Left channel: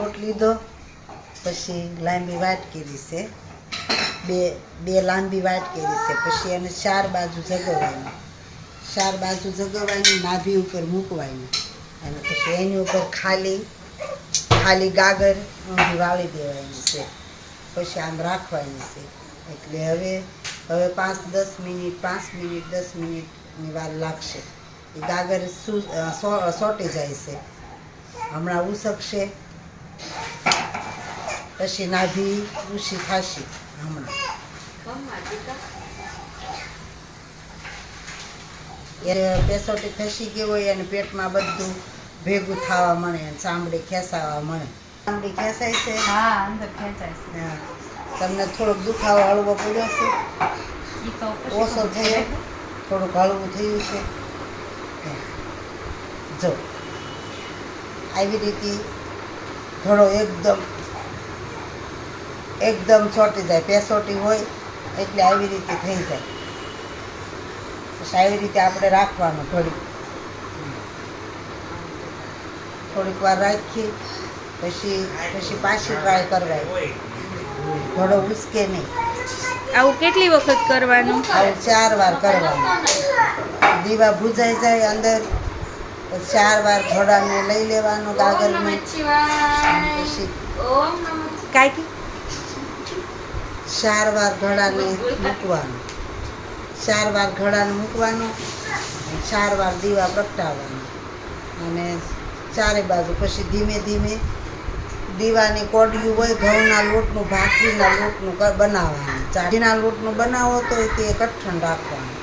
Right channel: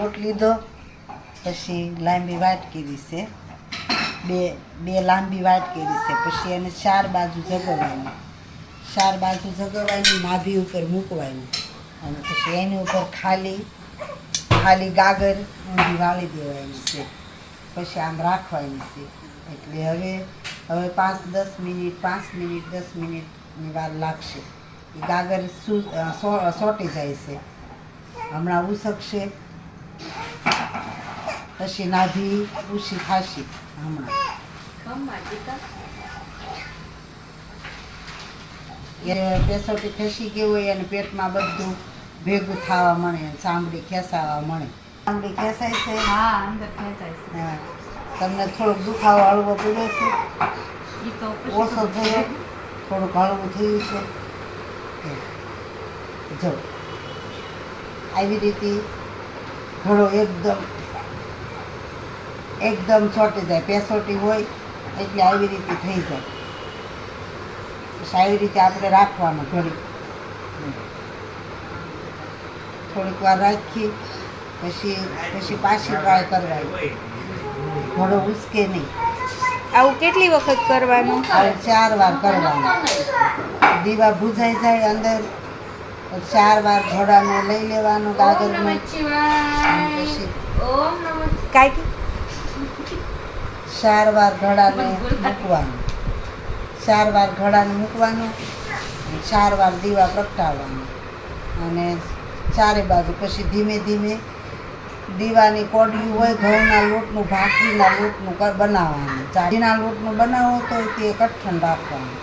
લોટ લીધો, પછી લાંબી વાટ કરી છે, બે લાંબી વાટ કરી છે, પછી એને 4 બાજુ જગવવાની, 4 બાજુ જગવવાની, નાભી ઉપર મૂકવાની, અને પછી એની ઉપર ખાલી ગાગર ઊંધી વાળી દેવાની છે, પછી આમ રાખવાની છે. એટલે હવે 5 મિનિટ 10 મિનિટની વાર લાગશે. એ ગાગર સોટી જાય છે, હમણાં ઉસકશે, પછી નાભી ઊંચી થશે. હમણાં એ પેસોટી ખસી ગઈ હોય અને પેટમાં બધું ભેગું થવા મળે, ચામડી ખેંચાવા મળે. ચામડી ખેંચાય છે? હા, અંદર ખેંચાય છે. હા. તમને થોડોક દુખાવો હળવો પડ્યો છે? ઈ તો ઓછો થયો? થોડુંક હળવું થયું છે? જો આવી રીતે ઘડો એકદમ ચોટી જાય. પેસોટી હોય એટલે આવી રીતે થઈ જાય. આવી રીતે આપણે રાખવાનું ઘડી, થોડીક વાર રાખી પછી પાછી ટ્રાય કરવાની. ઘડો ઉસકે નહીં. આવું કેટલી વખત કરવાનું? આવું 4 વાર કરવાનું. દીવા ભૂજાઈ જાય અંદર, 4 વાર ઘોડાને લઈ લેવાનો ગાગરને, પછી કાંઈ 4 વાર ઘોડાને મૂકવાનું, 4 વાર ઘોડાને મૂકવાનું, 4 વાર દીવા પ્રગટાવવાનું, અને 4 બાજુ પછી ધીમે ધીમે દીવાની કોડિયું હોય ઘઉંના લોટનું, ભાખરીના લોટનું બનાવવાનું. ચાંદીના લોટનું બનાવો તો તે કઠણ રાખવાનું.